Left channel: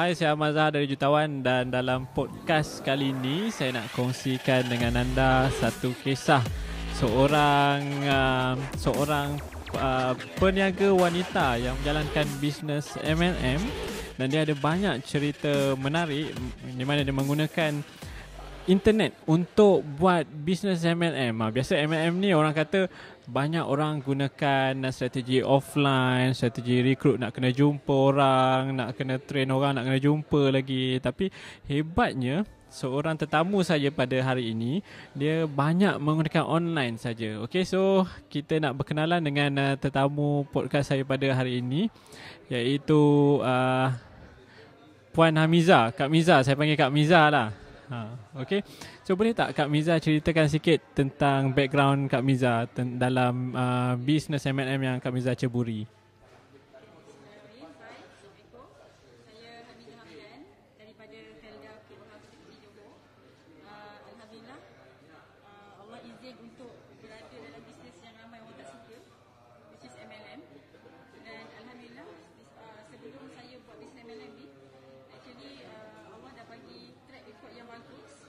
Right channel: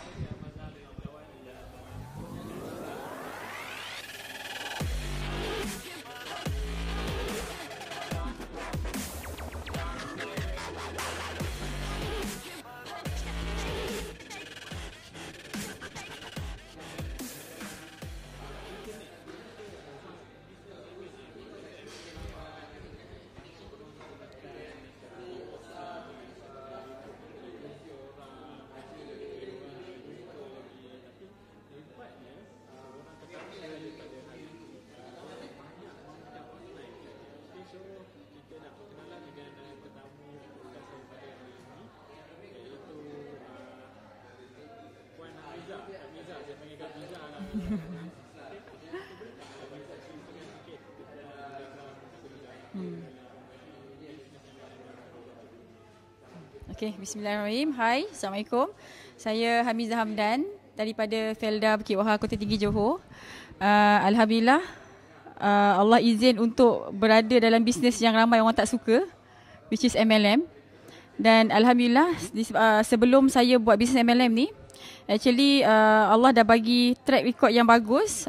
Hai, saya Ahmad Zahar dari Jutawan dan dalam podcast kali ini saya nak kongsikan dengan anda satu kisah seorang peniaga wanita yang menjalankan bisnes MLM dan dia ada banyak cerita menarik di mana dia menggunakan internet untuk buat bisnes MLM. Biasa MLM ni orang kata banyak orang gunakan strategi offline, strategi recruit, nak kena jumpa orang, nak kena train orang, nak kena jumpa lagi. Tapi hebatnya seorang tetamu saja pada hari ini dia banyak menggunakan online saja. Okey, so kita nak berkenalan dengan tetamu podcast saya pada hari ini, iaitu Puan Hamiza, Kak Miza. Saya panggil Kak Miza lah. Okey. So boleh tak Kak Miza ceritakan sikit tentang background Kak Miza dalam bisnes MLM yang Kak Miza ceburi? Okey, bismillahirrahmanirrahim. Hai, Assalamualaikum. Saya Hamiza Hamdan daripada Felda Bukit Wahar, Kota Tinggi, Johor. Alhamdulillah, Allah izin untuk berada dalam bisnes yang ramai orang tak suka, which is MLM. Dan Alhamdulillah, sebelum saya buat bisnes MLM ni, actually Allah dah bagi track record yang bagus,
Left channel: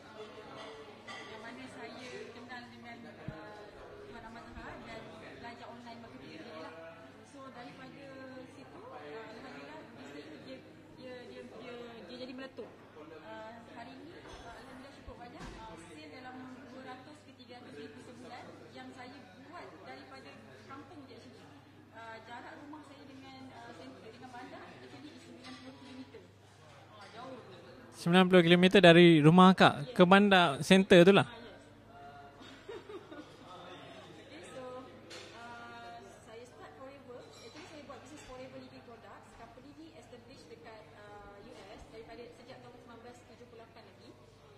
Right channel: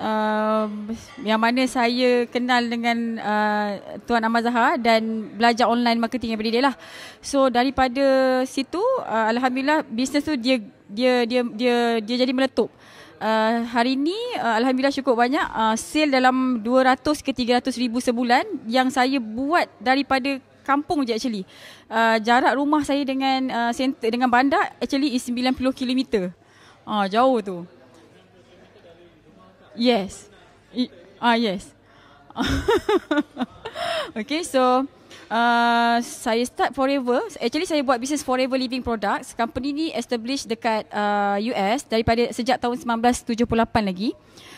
yang mana saya kenal dengan Tuan Ahmad Zahar dan belajar online marketing daripada dia lah. So daripada situ Alhamdulillah bisnes tu dia jadi meletup. Hari ni Alhamdulillah cukup banyak, sale dalam 200 ke 300 ribu sebulan yang saya buat daripada kampung je actually. Jarak rumah saya dengan center, dengan bandar actually is 90 km. Jauh tu. 90 km dari rumah Kak ke bandar center tu lah. Yes. Okay, so saya start Forever. Actually saya buat bisnes Forever Living Products. Company ni established dekat US daripada sejak tahun 1978 lagi.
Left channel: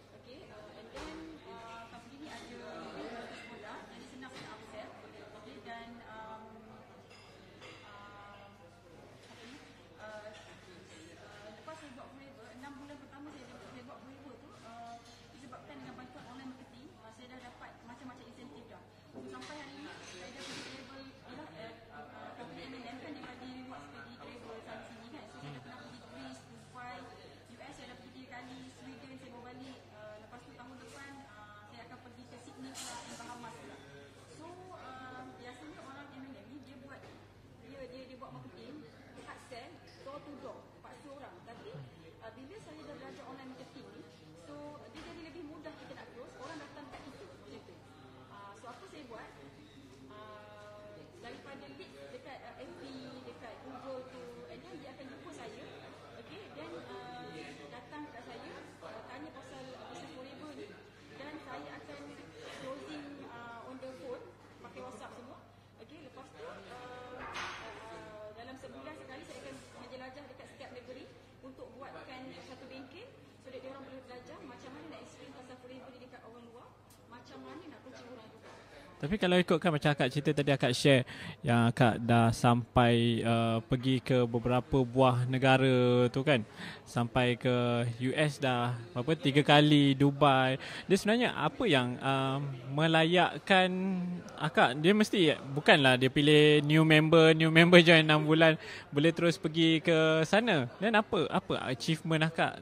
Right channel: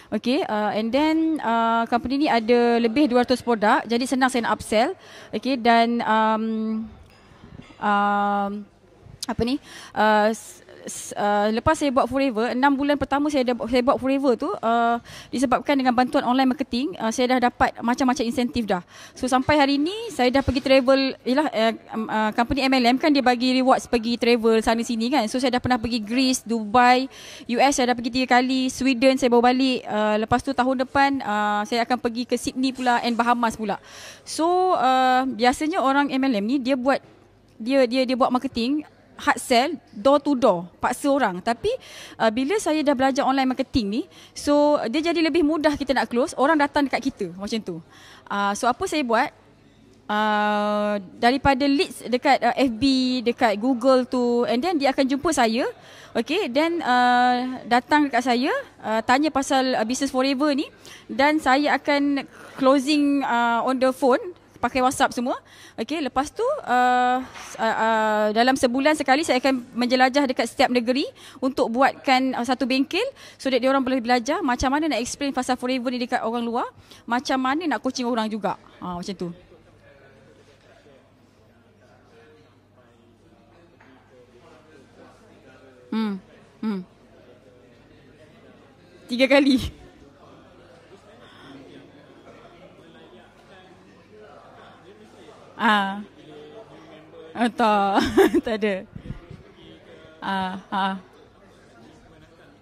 Okay, and then company ni ada lebih 200 produk. Jadi senang saya nak upsell. Okay, dan lepas saya buat Forever, 6 bulan pertama saya buat Forever tu, disebabkan dengan bantuan online marketing, saya dah dapat macam-macam insentif dah. So sampai hari ni saya dah pergi travel, company MLM kan dia bagi rewards pergi travel sana sini kan. So saya dah pernah pergi Greece, Dubai, US saya dah pergi 3 kali, Sweden saya bawa balik. Lepas tu tahun depan saya akan pergi ke Sydney pula and Bahamas pula. So biasanya orang MLM ni dia buat marketing hard sell, door to door, paksa orang. Tapi bila saya dah belajar online marketing ni, so dia jadi lebih mudah kita nak close, orang datang dekat kita macam tu. So apa saya buat, daripada leads dekat FB, dekat Google tu, and then dia akan jumpa saya. Okay, then datang dekat saya, tanya pasal business Forever ni, dan saya akan closing on the phone, pakai WhatsApp semua. Okey, lepas tu dalam sebulan sekali saya akan menjelajah dekat setiap negeri untuk buatkan satu bengkel so that dia orang boleh belajar macam mana nak explain pasal Forever ni dekat orang luar, macam mana nak coaching orang juga. Tapi kalau ikutkan macam akak cerita tadi, akak share yang akak dah sampai pergi ke beberapa buah negara tu kan. Sampai ke US dah berapa, 3 kali, Dubai. Dia sebenarnya apa yang melayakkan akak? Dia mesti bukanlah dia pilih new member join 6 bulan boleh terus pergi ke sana. Dan apa achievement akak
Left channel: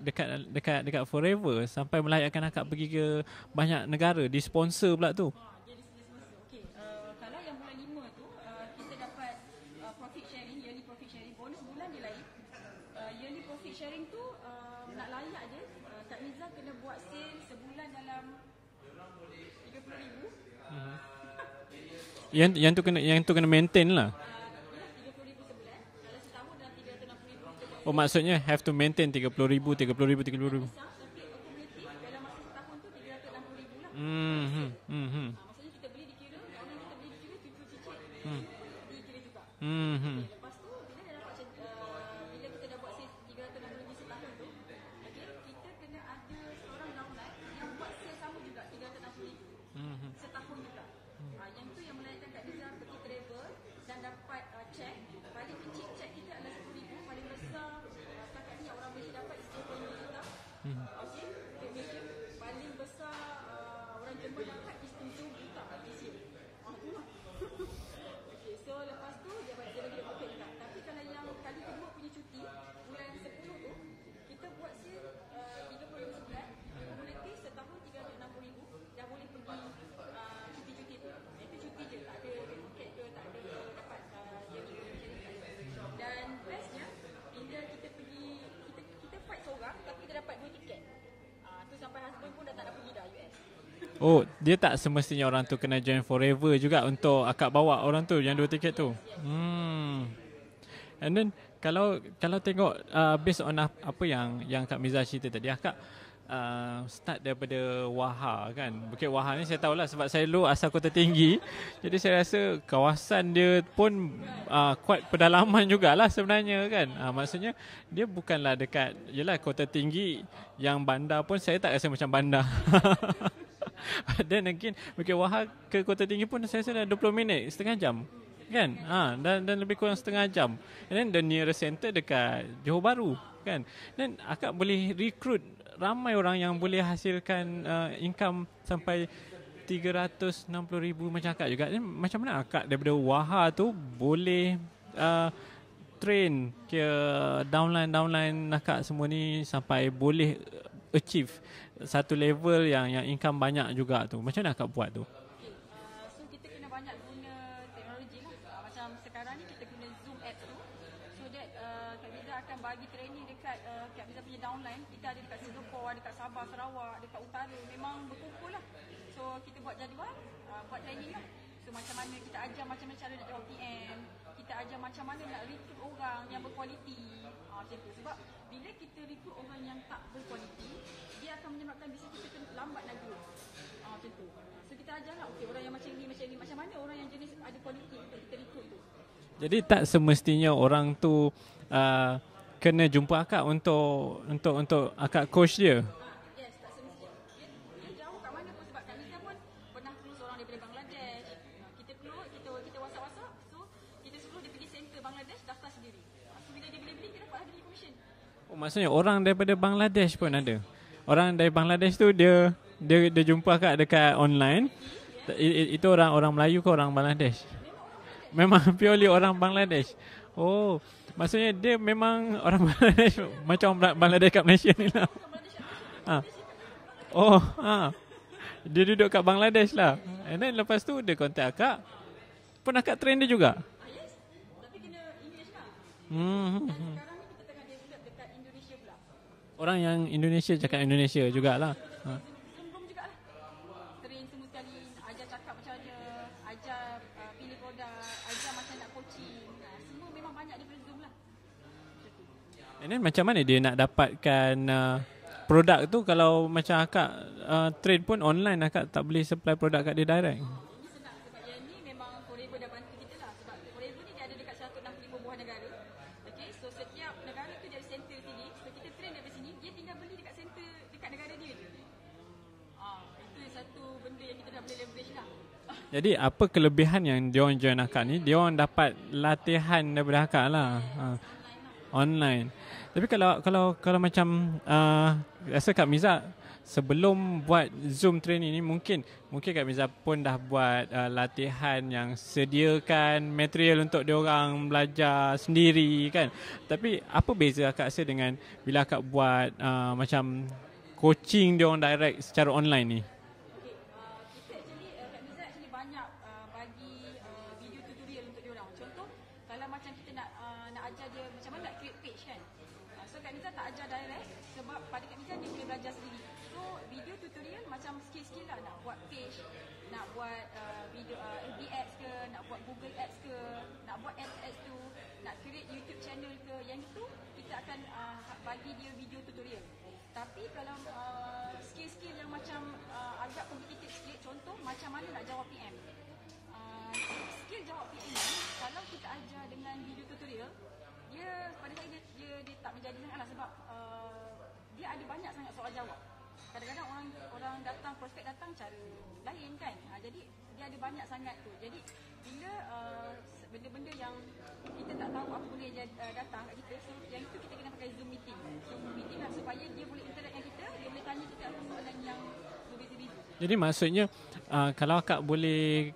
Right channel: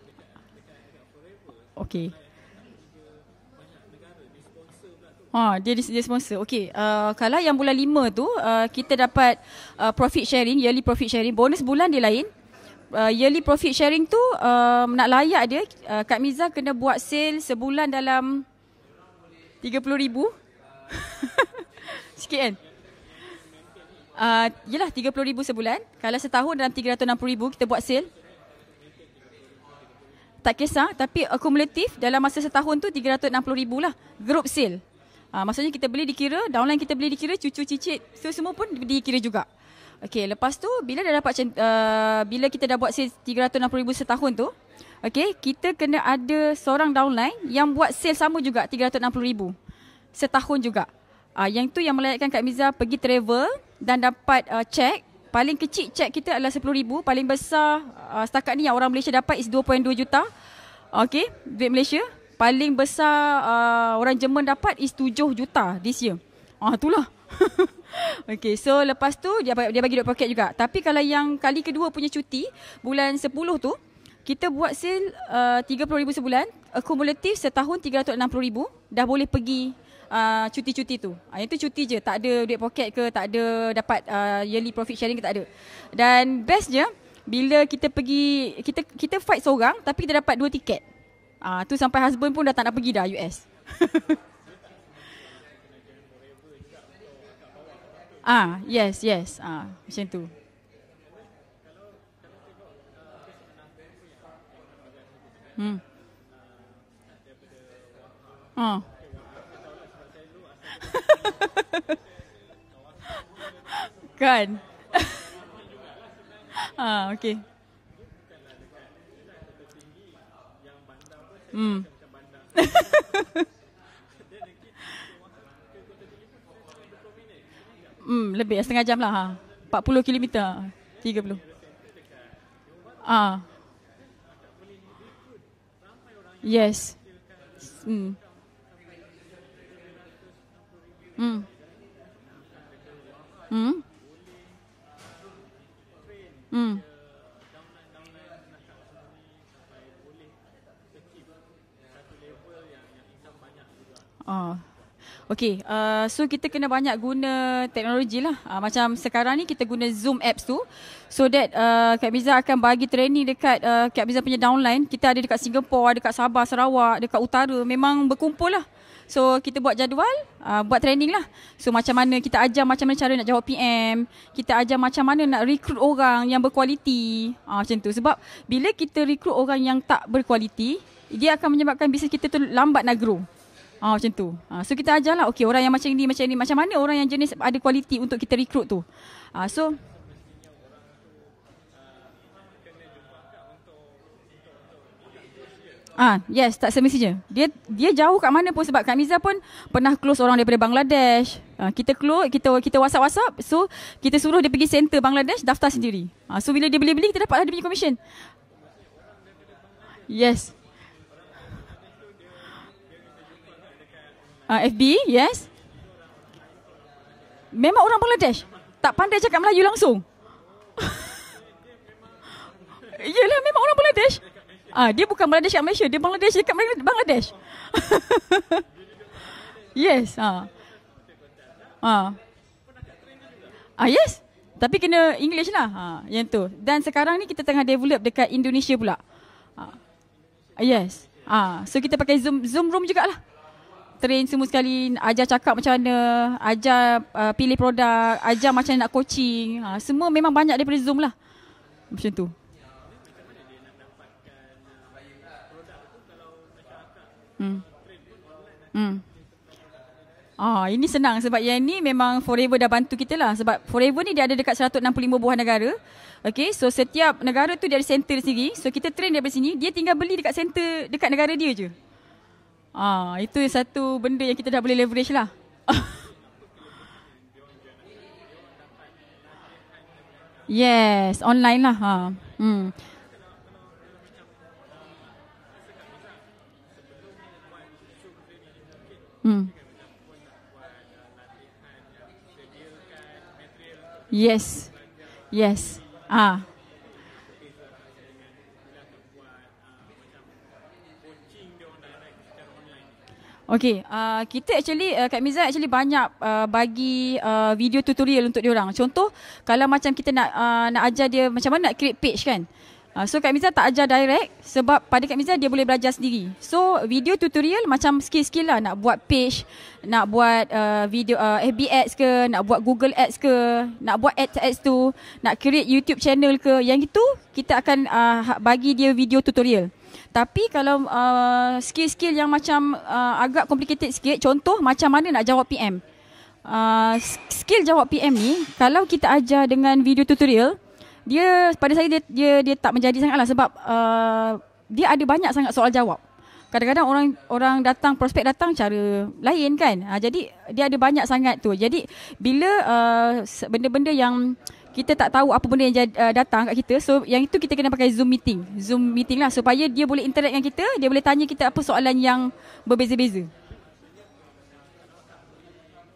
dekat Forever sampai melayakkan akak pergi ke banyak negara, di sponsor pula tu. Dia sponsor. Okey, kalau yang bulan 5 tu kita dapat profit sharing, yearly profit sharing. Bonus bulan dia lain. Yearly profit sharing tu nak layak dia, Kak Miza kena buat sale sebulan dalam 30,000. Sikit kan? Yang tu kena maintain lah. Yelah 30,000 sebulan. Kalau setahun dalam 360,000 kita buat sale. Maksudnya have to maintain 30,000. Tak kisah, tapi akumulatif dalam masa setahun tu 360,000 lah. Group sale. Maksudnya kita beli dikira, downline kita beli dikira, cucu cicit, so semua pun dikira juga. Okey, lepas tu bila dah dapat bila kita dah buat sale 360,000 setahun tu, okey, kita kena ada seorang downline yang buat sale sama juga 360,000 setahun juga. Yang tu yang melayakkan Kak Miza pergi travel dan dapat cek. Paling kecil cek kita adalah 10,000. Paling besar setakat ni yang orang Malaysia dapat is 2.2 juta. Okay, duit Malaysia. Paling besar orang Jerman dapat is 7 juta this year. Itulah. Okay, so lepas tu dia bagi duit poket juga. Tapi kalau yang kali kedua punya cuti, bulan 10 tu, kita buat sale RM30,000 sebulan, akumulatif setahun RM360,000, dah boleh pergi cuti-cuti tu. Itu cuti je, tak ada duit poket ke, tak ada dapat yearly profit sharing ke, tak ada. Dan bestnya bila kita pergi, kita fight seorang tapi kita dapat 2 tiket. Tu sampai husband pun dah tak nak pergi dah US. Oh, dia tak semestinya orang tu kena join forever juga untuk akak bawa orang tu yang 2 tiket yes, tu. Yes, macam tu. And then kalau tengok based on apa yang Kak Miza cerita tadi, akak start daripada Wahha kan. Bukit Wahha ni saya tahulah sebab saya dulu asal Kota Tinggi. Jadi saya rasa kawasan dia pun kan? Kuat pedalaman jugalah sebenarnya kan. Okay. Maksudnya dia bukanlah dekat, yelah Kota Tinggi yang bandar pun saya tak rasa macam bandar. Dan again Bukit Wahha ke Kota Tinggi pun saya rasa dah 20 minit, setengah jam. Lebih kan? setengah jam lah. Dan lebih 40 kurang setengah kilometer. jam. And then the nearest center dekat Johor Bahru kan. Dan akak boleh recruit ramai orang yang boleh hasilkan income sampai 360,000 macam akak juga. Dan macam mana akak daripada Wahha tu boleh train ke downline akak semua ni sampai boleh achieve satu level yang income banyak juga tu. Macam mana akak buat tu? Okay, so kita kena banyak guna teknologi lah. Macam sekarang ni kita guna Zoom apps tu. So that Kak Miza akan bagi training dekat Kak Miza punya downline. Kita ada dekat Singapore, dekat Sabah, Sarawak, dekat utara. Memang berkumpul lah. So kita buat jadual, buat training lah. So macam mana kita ajar macam mana cara nak jawab PM. Kita ajar macam mana nak recruit orang yang berkualiti. Macam tu. Sebab bila kita recruit orang yang tak berkualiti, dia akan menyebabkan bisnes kita tu lambat nak grow. Macam tu. So kita ajarlah, okay, orang yang macam ni, macam mana orang yang jenis ada kualiti untuk kita recruit tu. Jadi tak semestinya orang tu kena jumpa akak untuk akak coach dia. Yes, tak semestinya. Dia jauh kat mana pun, sebab Kak Miza pun pernah close orang daripada Bangladesh. Kita close, kita WhatsApp. So kita suruh dia pergi center Bangladesh, daftar sendiri. So bila dia beli kita dapatlah dia punya commission. Maksudnya orang daripada Bangladesh pun ada. Orang dari Bangladesh tu dia jumpa akak dekat online. FB, yes. Itu orang Melayu ke orang Bangladesh? Memang orang Bangladesh. Memang tak pandai cakap Melayu langsung. Oh, maksudnya dia memang orang Bangladesh. Yelah, memang macam orang Bangladesh. kat Malaysia. Dia bukan Bangladesh kat Malaysia, dia Bangladesh dekat Bangladesh. Oh, dia duduk kat Bangladesh lah. Yes. Dan lepas tu dia kontak akak. Pun akak train dia juga. Yes. Tapi kena English lah. Yang tu. Dan sekarang ni kita tengah develop dekat Indonesia pula. Orang yang Indonesia cakap Indonesia jugalah. So kita pakai Zoom room jugalah. Train semua sekali, ajar cakap macam mana, ajar pilih produk, ajar macam mana nak coaching. Semua memang banyak daripada Zoom lah. Macam tu. And then macam mana dia nak dapatkan produk tu kalau macam akak trade pun online, akak tak boleh supply produk kat dia direct? Ini senang sebab yang ni memang Forever dah bantu kita lah. Sebab Forever ni dia ada dekat 165 buah negara. Okay, so setiap negara tu dia ada center sendiri. So kita train daripada sini, dia tinggal beli dekat center dekat negara dia je. Itu satu benda yang kita dah boleh leverage lah. Jadi apa kelebihan yang diorang join akak ni? Diorang dapat latihan daripada akak lah. Yes, online lah. Online. Tapi kalau macam rasa Kak Miza sebelum buat Zoom training ni mungkin Kak Miza pun dah buat latihan yang sediakan material untuk diorang belajar sendiri kan. Tapi apa beza akak rasa dengan bila akak buat macam coaching diorang direct secara online ni? Okay, kita actually Kak Miza actually banyak bagi video tutorial untuk diorang. Contoh kalau macam kita nak ajar dia macam mana nak create page kan. So Kak Miza tak ajar direct sebab pada Kak Miza dia boleh belajar sendiri. So video tutorial macam skill-skill lah, nak buat page, nak buat video FB ads ke, nak buat Google ads ke, nak buat ads tu, nak create YouTube channel ke, yang itu kita akan bagi dia video tutorial. Tapi kalau skill-skill yang macam agak complicated sikit, contoh macam mana nak jawab PM. Skill jawab PM ni kalau kita ajar dengan video tutorial, dia pada saya dia tak menjadi sangatlah sebab dia ada banyak sangat soal jawab. Kadang-kadang orang datang, prospek datang cara lain kan. Jadi dia ada banyak sangat tu. Jadi bila benda-benda yang kita tak tahu apa benda yang datang kat kita, so yang itu kita kena pakai Zoom meeting lah supaya dia boleh interact dengan kita, dia boleh tanya kita apa soalan yang berbeza-beza. Jadi maksudnya kalau akak boleh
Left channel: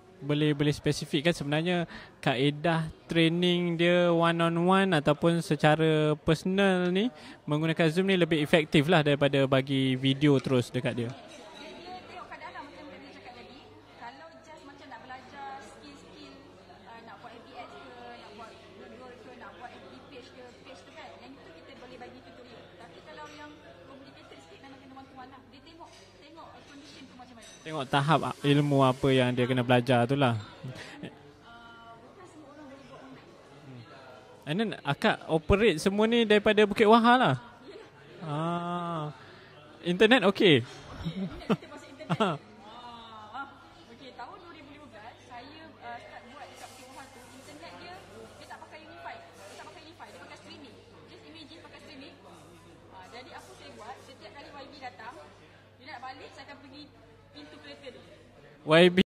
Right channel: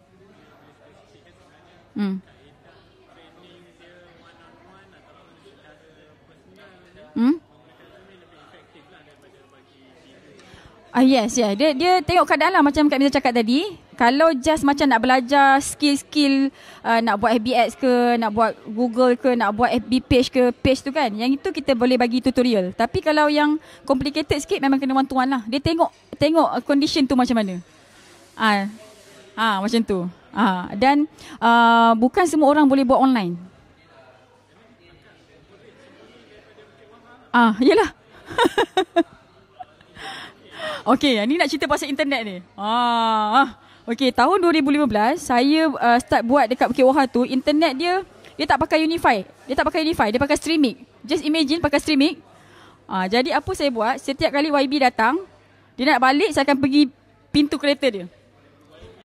spesifikkan sebenarnya kaedah training dia one on one ataupun secara personal ni, menggunakan Zoom ni lebih efektif lah daripada bagi video terus dekat dia. Yes, yeah. Dia tengok keadaan lah, macam Kak Miza cakap tadi. Kalau just macam nak belajar skill-skill, nak buat FB Ads ke, nak buat Google ke, nak buat FB page ke, page tu kan, yang itu kita boleh bagi tutorial. Tapi kalau yang complicated sikit memang kena one to one lah. Dia tengok condition tu macam mana. Tengok tahap ilmu apa yang dia kena belajar tu lah. Dan bukan semua orang boleh buat online. And then akak operate semua ni daripada Bukit Wahar lah. Yelah. Internet okey. Okey, ni nak cerita pasal internet ni. Okey, tahun 2015 saya start buat dekat Bukit Wahar tu. Internet dia tak pakai Unify. Dia pakai Streamic. Just imagine pakai Streamic. Jadi apa saya buat, setiap kali YB datang, dia nak balik, saya akan pergi pintu kereta dia. YB